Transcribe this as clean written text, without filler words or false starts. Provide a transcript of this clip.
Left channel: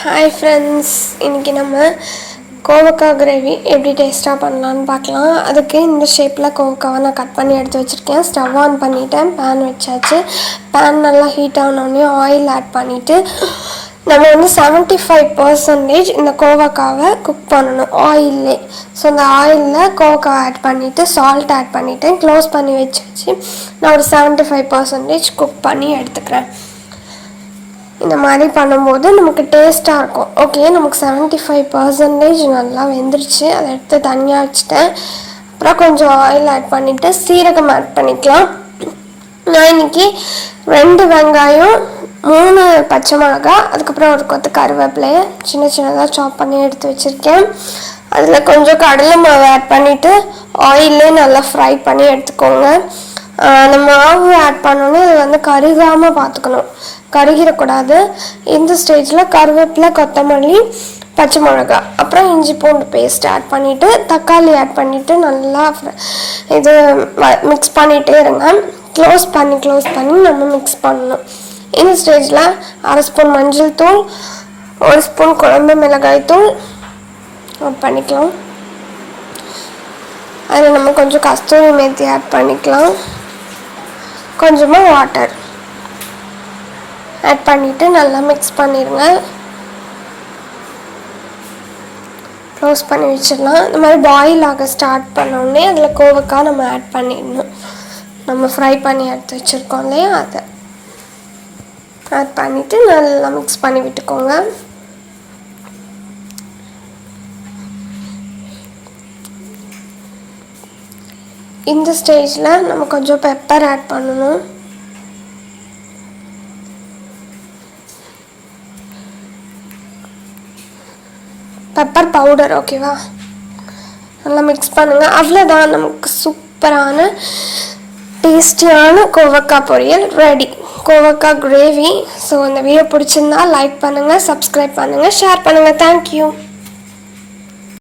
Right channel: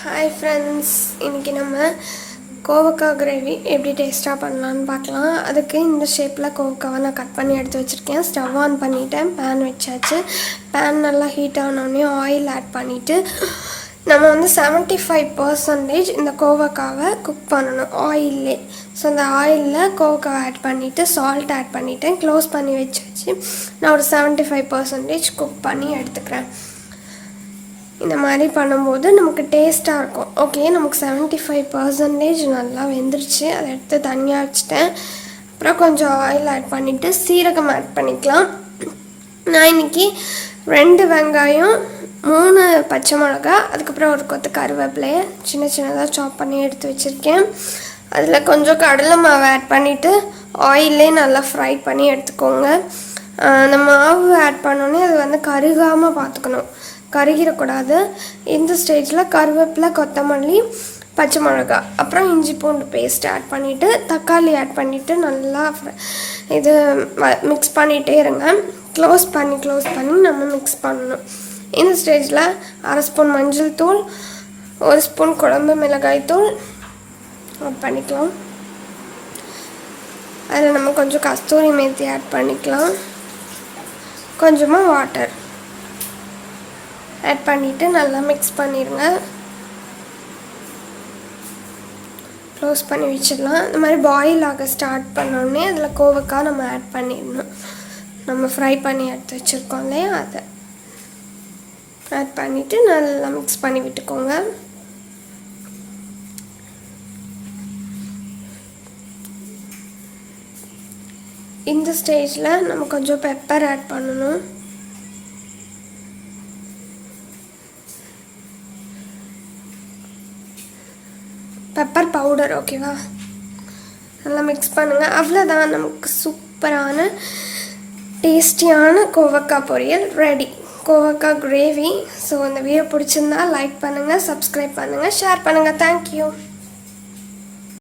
Hi friends, இன்றைக்கி நம்ம கோவக்காய் கிரேவி எப்படி டேஸ்ட்டாக பண்ணலான்னு பார்க்கலாம். அதுக்கு இந்த ஷேப்பில் கோவக்காவை நான் கட் பண்ணி எடுத்து வச்சுருக்கேன். ஸ்டவ் ஆன் பண்ணிவிட்டேன், பேன் வச்சாச்சு. பேன் நல்லா ஹீட் ஆனோடனே ஆயில் ஆட் பண்ணிவிட்டு நம்ம 75% இந்த கோவக்காவை குக் பண்ணணும் ஆயிலே. ஸோ அந்த ஆயிலில் கோவக்காவை ஆட் பண்ணிவிட்டு சால்ட் ஆட் பண்ணிவிட்டு க்ளோஸ் பண்ணி வச்சாச்சு. நான் ஒரு 75% குக் பண்ணி எடுத்துக்கிறேன். இந்த மாதிரி பண்ணும்போது நமக்கு டேஸ்ட்டாக இருக்கும். ஓகே, நமக்கு 75% நல்லா வெந்துருச்சு. அதை எடுத்து தனியாக வச்சுட்டேன். அப்புறம் கொஞ்சம் ஆயில் ஆட் பண்ணிவிட்டு சீரகம் ஆட் பண்ணிக்கலாம். நான் இன்றைக்கி 2 வெங்காயம், 3 பச்சை மிளகா, அதுக்கப்புறம் ஒரு கொத்து கருவேப்பிலையை சின்னதாக சாப் பண்ணி எடுத்து வச்சுருக்கேன். அதில் கொஞ்சம் கடலை மாவு ஆட் பண்ணிவிட்டு ஆயிலே நல்லா ஃப்ரை பண்ணி எடுத்துக்கோங்க. அந்த மாவு ஆட் பண்ணோன்னே அது கருகாமல் பார்த்துக்கணும், கருகிடக்கூடாது. இந்த ஸ்டேஜில் கருவேப்பிலை, கொத்தமல்லி, பச்சை மிளகா, அப்புறம் இஞ்சி பூண்டு பேஸ்ட் ஆட் பண்ணிவிட்டு தக்காளி ஆட் பண்ணிவிட்டு நல்லா இது மிக்ஸ் பண்ணிகிட்டே இருங்க. க்ளோஸ் பண்ணி நம்ம மிக்ஸ் பண்ணணும். இந்த ஸ்டேஜில் 1/2 ஸ்பூன் மஞ்சள் தூள், 1 ஸ்பூன் குழம்பு மிளகாய் தூள் ஆட் பண்ணிக்கலாம். அதில் நம்ம கொஞ்சம் கஸ்தூரி மேத்தி ஆட் பண்ணிக்கலாம். கொஞ்சமாக வாட்டர் ஆட் பண்ணிவிட்டு நல்லா மிக்ஸ் பண்ணிடுங்க. க்ளோஸ் பண்ணி வச்சிடலாம். இந்த மாதிரி பாயில் ஆக ஸ்டார்ட் பண்ணோடனே அதில் கோவக்காய் நம்ம ஆட் பண்ணிடணும். நம்ம ஃப்ரை பண்ணி எடுத்து வச்சுருக்கோம் இல்லையா, அதை ஆட் பண்ணிவிட்டு நல்லா மிக்ஸ் பண்ணி விட்டுக்கோங்க. இந்த ஸ்டேஜில் நம்ம கொஞ்சம் பெப்பர் ஆட் பண்ணணும். பெப்பர் பவுடர், ஓகேவா? நல்லா மிக்ஸ் பண்ணுங்கள். அவ்வளோதான், நமக்கு சூப்பரான டேஸ்டியான கோவக்காய் பொரியல் ரெடி, கோவக்காய் கிரேவி. ஸோ இந்த வீடியோ பிடிச்சிருந்தா லைக் பண்ணுங்கள், சப்ஸ்கிரைப் பண்ணுங்கள், ஷேர் பண்ணுங்கள். தேங்க்யூ.